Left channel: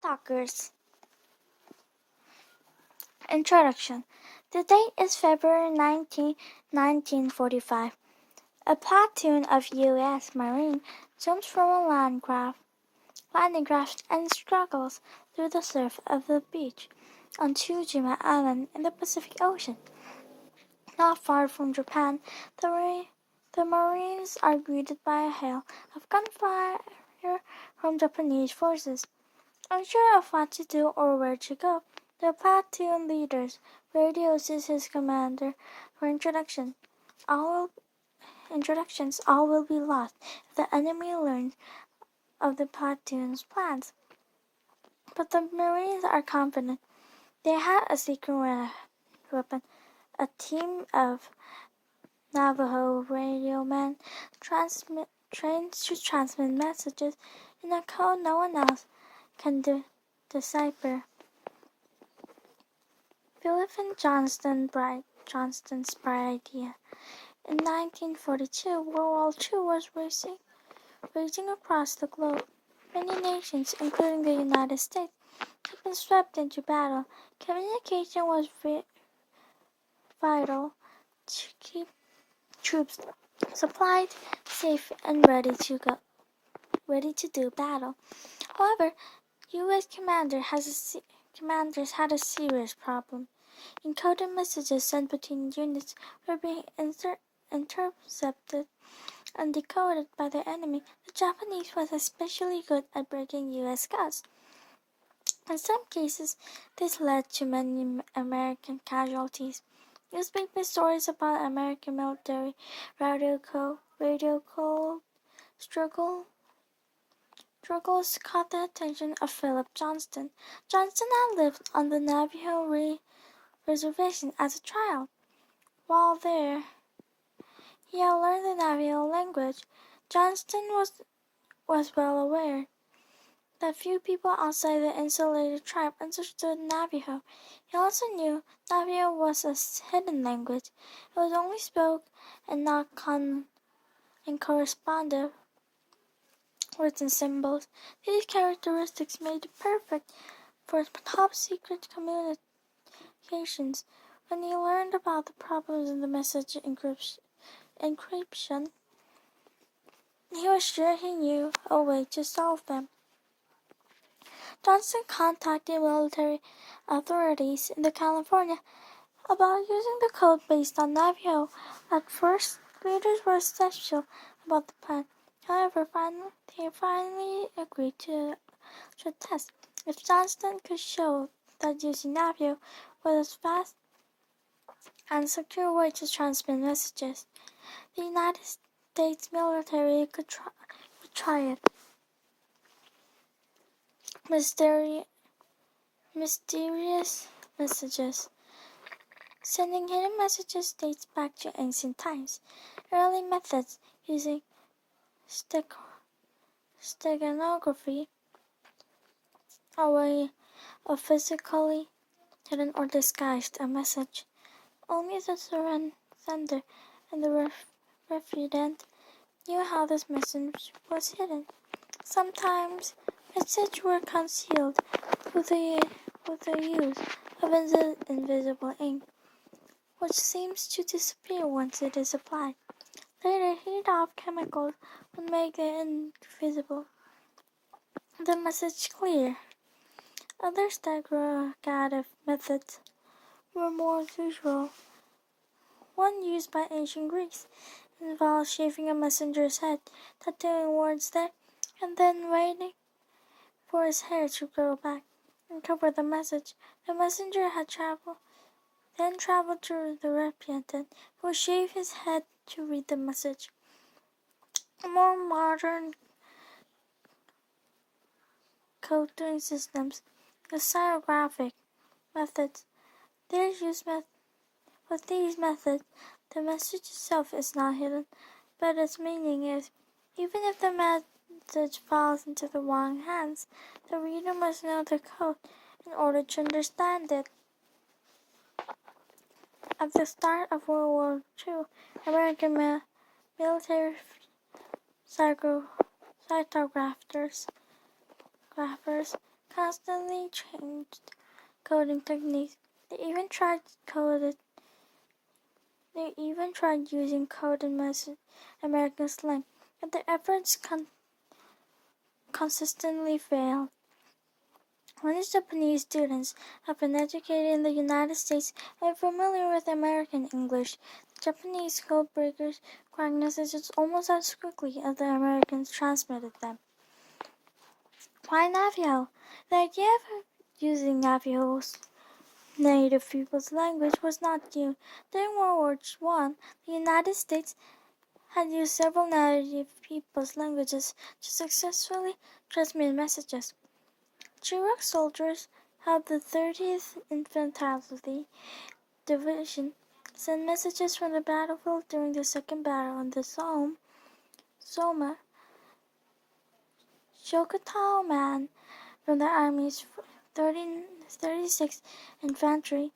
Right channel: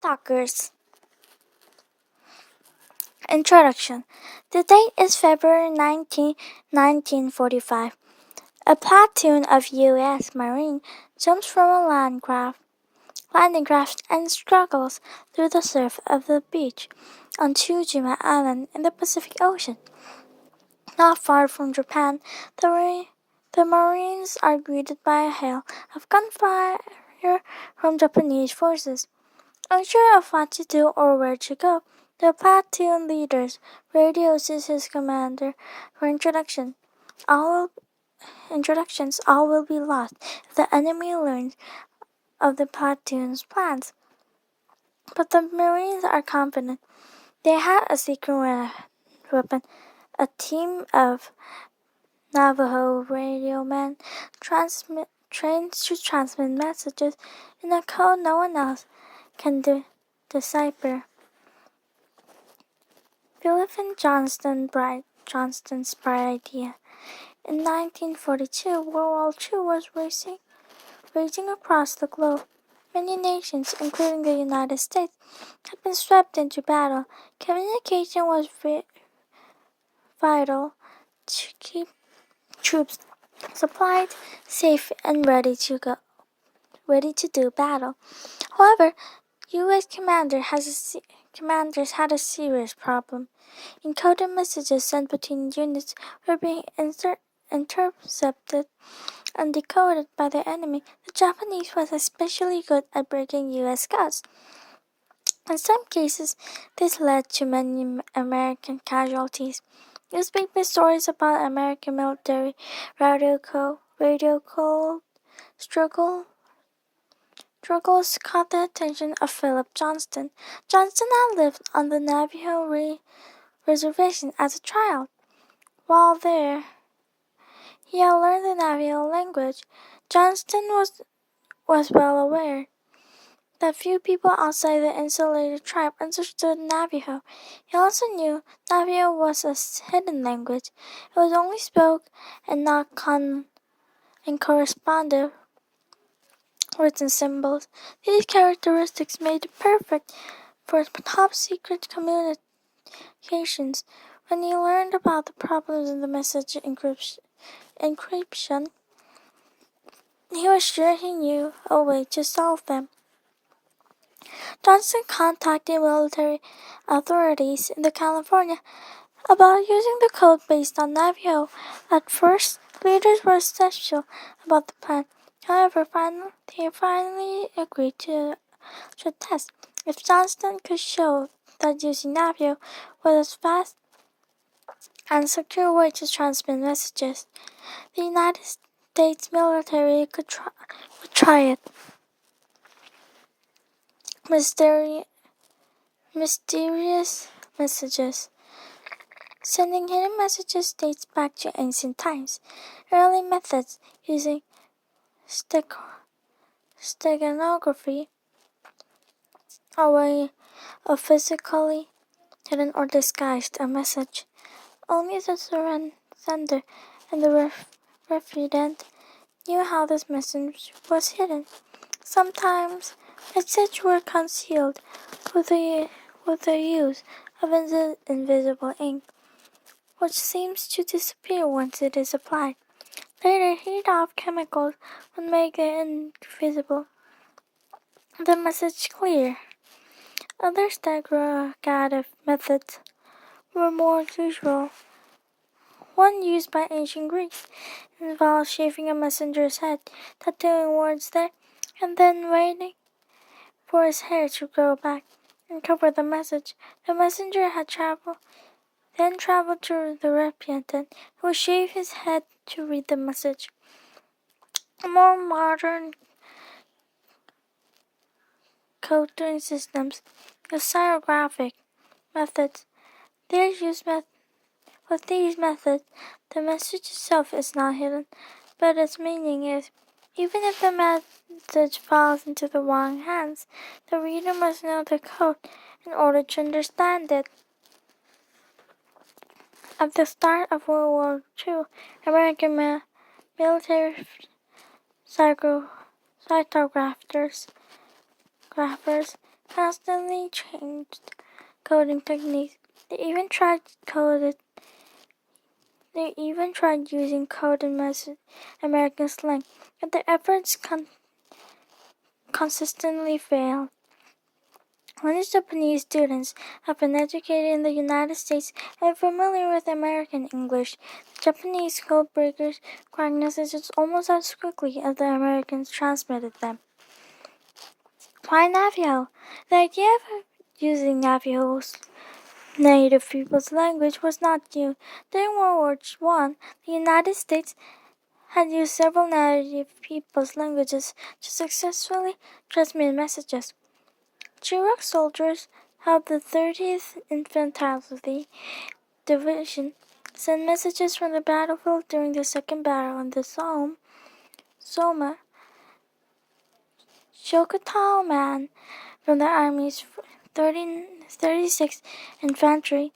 Talkers. Introduction. The date is February 19, 1945. A platoon of U.S. Marines jumps from a landing craft and struggles through the surf of the beach on Tsushima Island in the Pacific Ocean. Not far from Japan, the Marines are greeted by a hail of gunfire from Japanese forces. Unsure of what to do or where to go, the platoon leader radios to his commander for introductions. All will be lost if the enemy learns of the platoon's plans. But the Marines are confident. They have a secret weapon. A team of Navajo radio men trained to transmit messages in a code no one else can decipher. Philip and Johnston's bright idea. In 1942, World War II was raging across the globe. Many nations, including the United States, had been swept into battle. Communication was vital to keep troops supplied, safe, and ready to do battle. However, U.S. commanders had a serious problem. Encoded messages sent between units were being intercepted and decoded by the enemy. The Japanese was especially good at breaking U.S. codes. In some cases, this led to many American casualties. Newspaper stories about American military radio code struggles caught the attention of Philip Johnston. Johnston had lived on the Navajo reservation as a child. While there, he had learned the Navajo language. Johnston was well aware that few people outside the insulated tribe understood Navajo. He also knew Navajo was a hidden language. It was only spoken and not corresponded written symbols. These characteristics made it perfect for top secret communications. When he learned about the problems in the message encryption, he was sure he knew a way to solve them. Johnston contacted military authorities in California about using the code based on Navajo. At first, leaders were skeptical about the plan. However, they finally agreed to a test. If Johnston could show that using Navajo was a fast and secure way to transmit messages, the United States military could try it. Mysterious messages. Sending hidden messages dates back to ancient times. Early methods using steganography, a way of physically hidden or disguised a message. Only the sender and the recipient knew how this message was hidden. Sometimes messages were concealed with the use of invisible ink, which seems to disappear once it is applied. Later, heat-off chemicals would make it invisible, the message clear. Other stereographic methods were more usual. One used by ancient Greeks involved shaving a messenger's head, tattooing words there, and then waiting for his hair to grow back and cover the message. The messenger had traveled to the recipient, who shaved his head to read the message. More modern coding systems use stereographic methods. With these methods, the message itself is not hidden, but its meaning is. Even if the message falls into the wrong hands, the reader must know the code in order to understand it. At the start of World War II, American military cytographers constantly changed coding techniques. They even tried using coded American slang, but their efforts consistently failed. Many Japanese students have been educated in the United States and are familiar with American English. Japanese code breakers crack messages almost as quickly as the Americans transmitted them. Why Navajo? The idea of using Navajo's native people's language was not new. During World War I, the United States had used several native people's languages to successfully transmit messages. Chirac soldiers helped the 30th Infantry Division send messages from the battlefield during the Second Battle in the Somme. Choctaw Man from the Army's 36th Infantry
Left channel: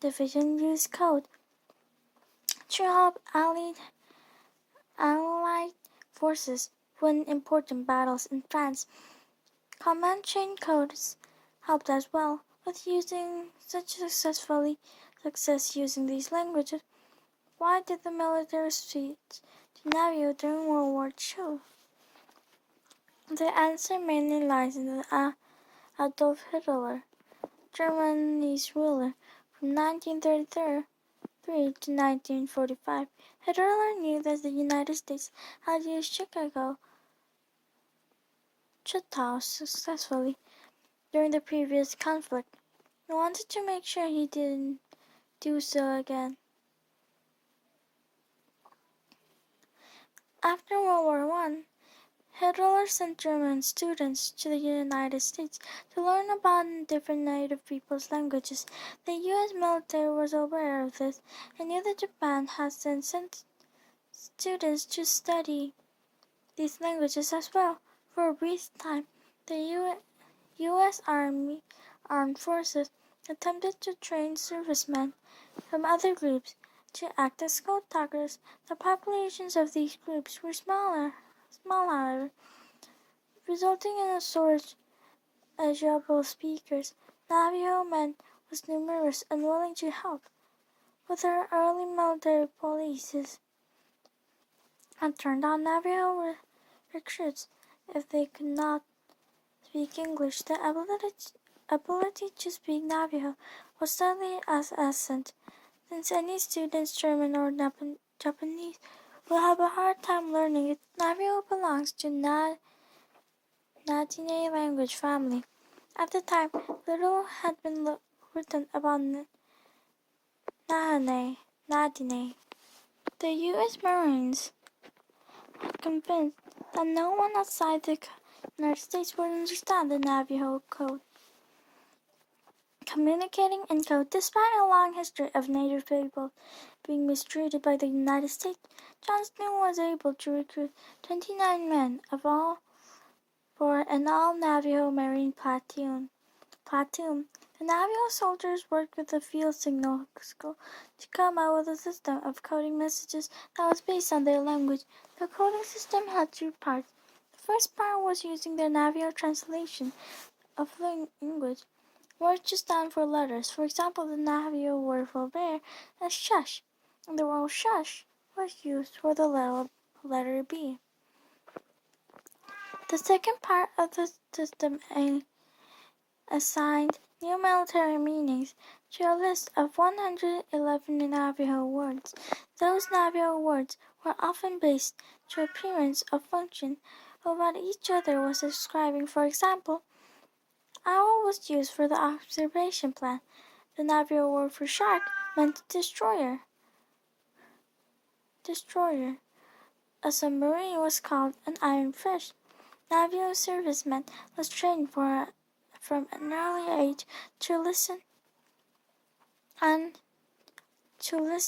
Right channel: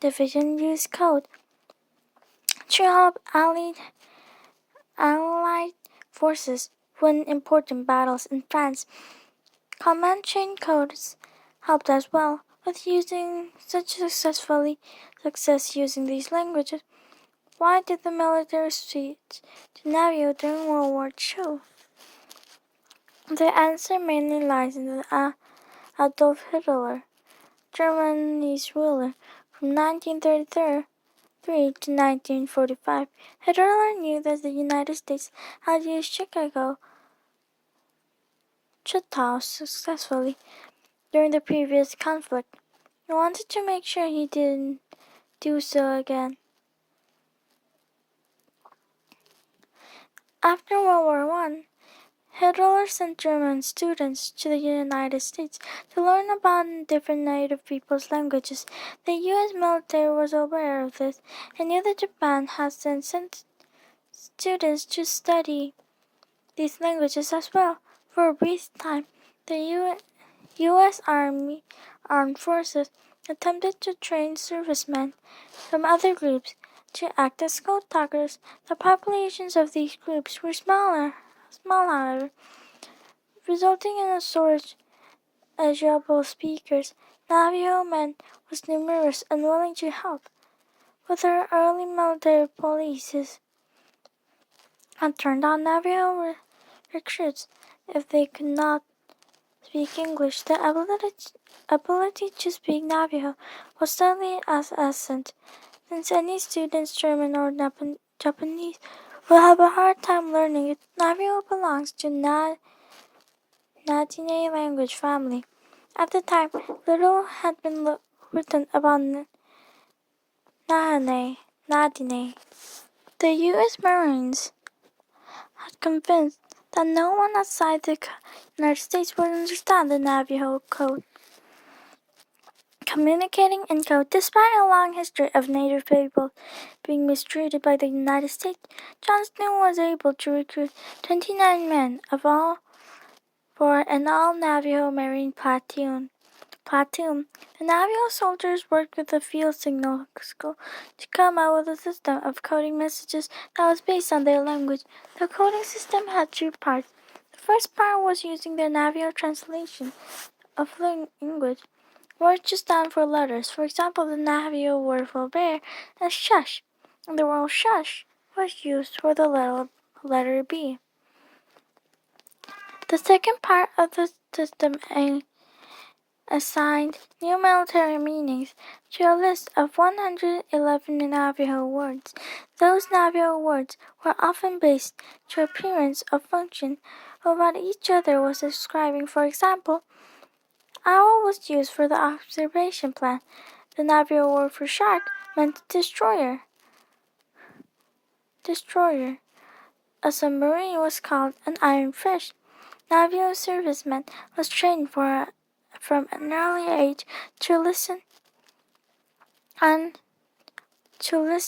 Division used code to help Allied forces win important battles in France. Command chain codes helped as well, with using success using these languages. Why did the military switch to Navajo during World War II? The answer mainly lies in the Adolf Hitler, Germany's ruler from 1933 to 1945. Hitler knew that the United States had used Choctaw successfully during the previous conflict. He wanted to make sure he didn't do so again. After World War I, Hitler sent German students to the United States to learn about different native peoples' languages. The U.S. military was aware of this and knew that Japan had sent students to study these languages as well. For a brief time, the U.S. Armed Forces attempted to train servicemen from other groups to act as scout talkers. The populations of these groups were small however, resulting in a shortage of able speakers. Navajo men was numerous and willing to help. With their early military policies had turned on Navajo recruits if they could not speak English. The ability to speak Navajo was sadly as essential, since any students, German or Japanese, will have a hard time learning it. Navajo belongs to Nadine language family. At the time, little had been written about Nadine. The U.S. Marines had convinced that no one outside the United States would understand the Navajo code. Communicating in code, despite a long history of Native people being mistreated by the United States, Johnston was able to recruit 29 men for an all-Navajo Marine platoon. The Navajo soldiers worked with the field signal school to come up with a system of coding messages that was based on their language. The coding system had two parts. The first part was using their Navajo translation of language. Words to stand for letters. For example, the Navajo word for bear is shush, and the word shush was used for the letter B. The second part of the system assigned new military meanings to a list of 111 Navajo words. Those Navajo words were often based to appearance or function of what each other was describing. For example, owl was used for the observation plan. The Navajo word for shark meant destroyer. A submarine was called an iron fish. Navajo servicemen was trained from an early age to listen to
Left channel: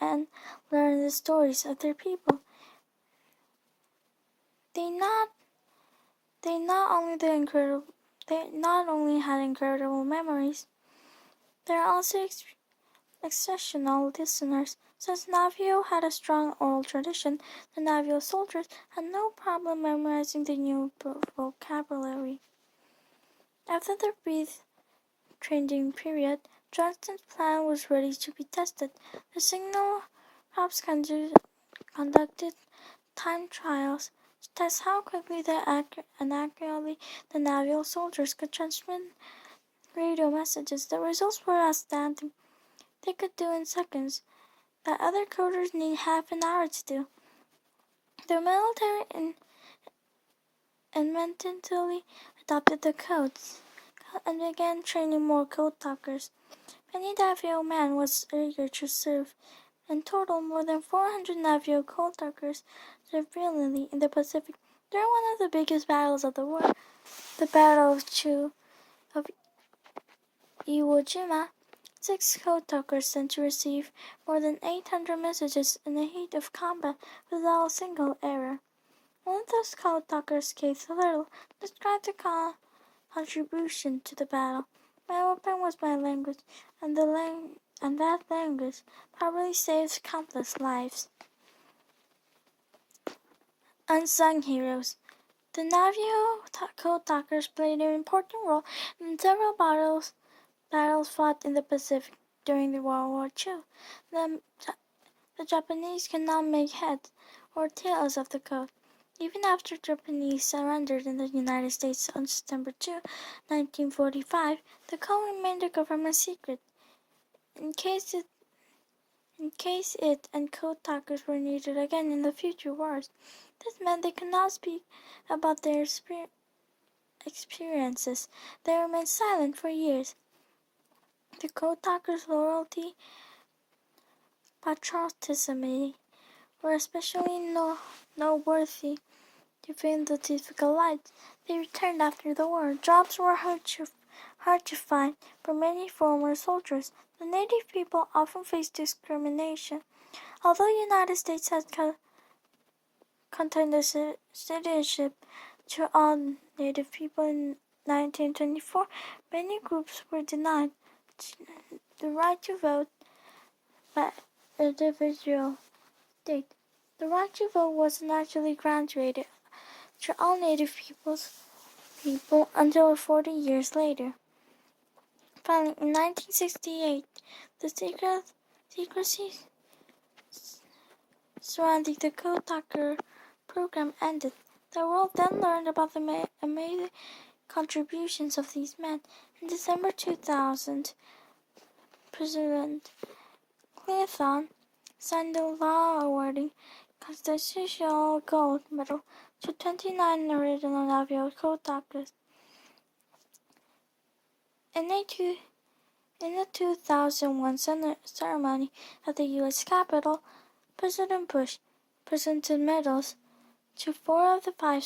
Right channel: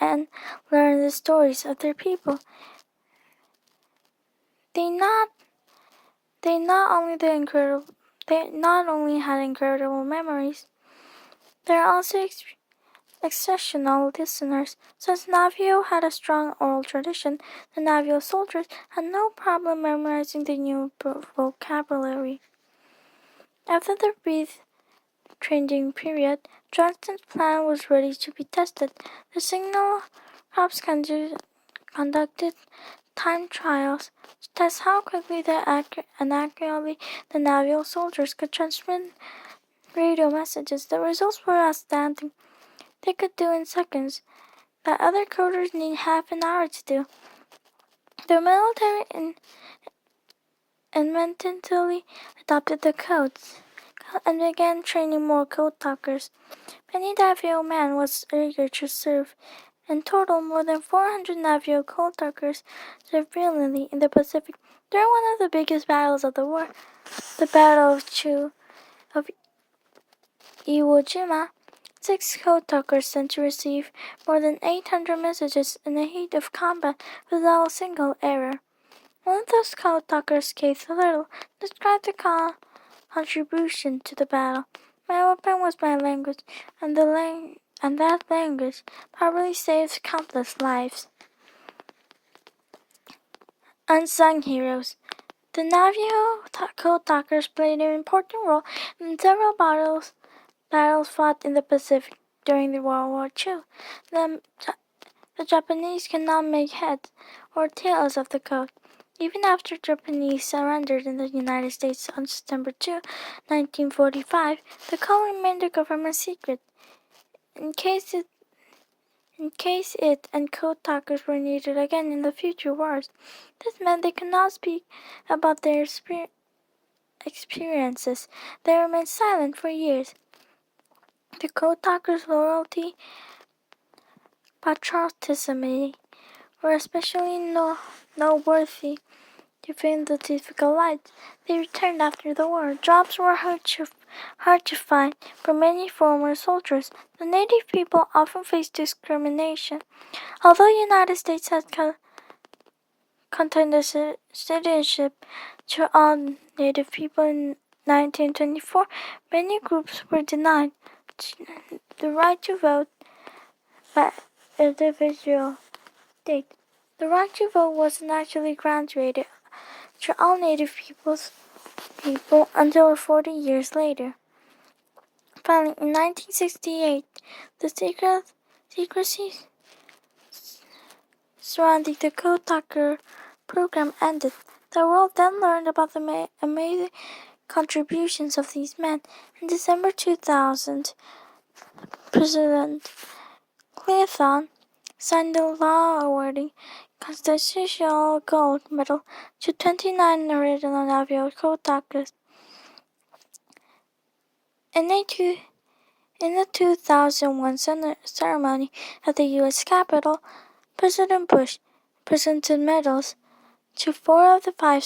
and learn the stories of their people. They not only had incredible memories, they also exceptional listeners. Since Navio had a strong oral tradition, the Navio soldiers had no problem memorizing the new vocabulary. After the brief training period, Johnston's plan was ready to be tested. The Signal Corps conducted time trials to test how quickly and accurately the Navio soldiers could transmit radio messages. The results were outstanding. They could do in seconds that other coders need half an hour to do. The military immediately adopted the codes and began training more code talkers. Many Navio men was eager to serve. In total, more than 400 Navio code talkers served brilliantly in the Pacific during one of the biggest battles of the war, the Battle of Iwo Jima. 6 code talkers sent to receive more than 800 messages in the heat of combat without a single error. One of those code talkers, Keith Little, described the contribution to the battle. My weapon was my language, and that language probably saved countless lives. Unsung heroes. The Navio code talkers played an important role in several battles fought in the Pacific during the World War II. The Japanese cannot make heads or tails of the code. Even after Japanese surrendered in the United States on September 2, 1945, the code remained a government secret. In case it and code talkers were needed again in the future wars, this meant they could not speak about their experiences. They remained silent for years. The code talkers' loyalty, patriotism were especially noteworthy given the difficult life they returned after the war. Jobs were hard to find for many former soldiers. The native people often faced discrimination. Although the United States had contended citizenship to all native people in 1924, many groups were denied the right to vote by individual state. The right to vote wasn't actually granted to all native people until 40 years later. Finally, in 1968, the secrecy surrounding the Code Talker program ended. The world then learned about the amazing contributions of these men. In December 2000, President Clinton signed a law awarding Constitutional Gold Medal to 29 original Navio Code Talkers. In the 2001 ceremony at the U.S. Capitol, President Bush presented medals to 4 of the 5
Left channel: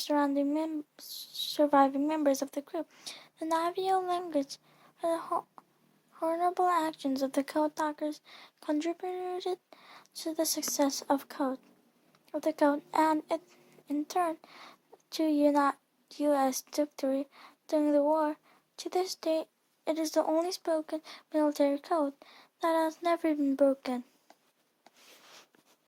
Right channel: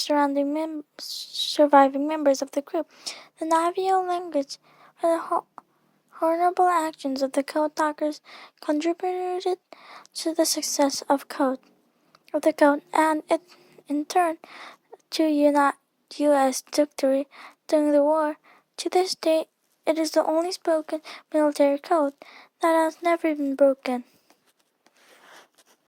surviving members of the group. The Navio language and the honorable actions of the Code Talkers contributed to the success of the code, and it, in turn, to U.S. victory during the war. To this day, it is the only spoken military code that has never been broken.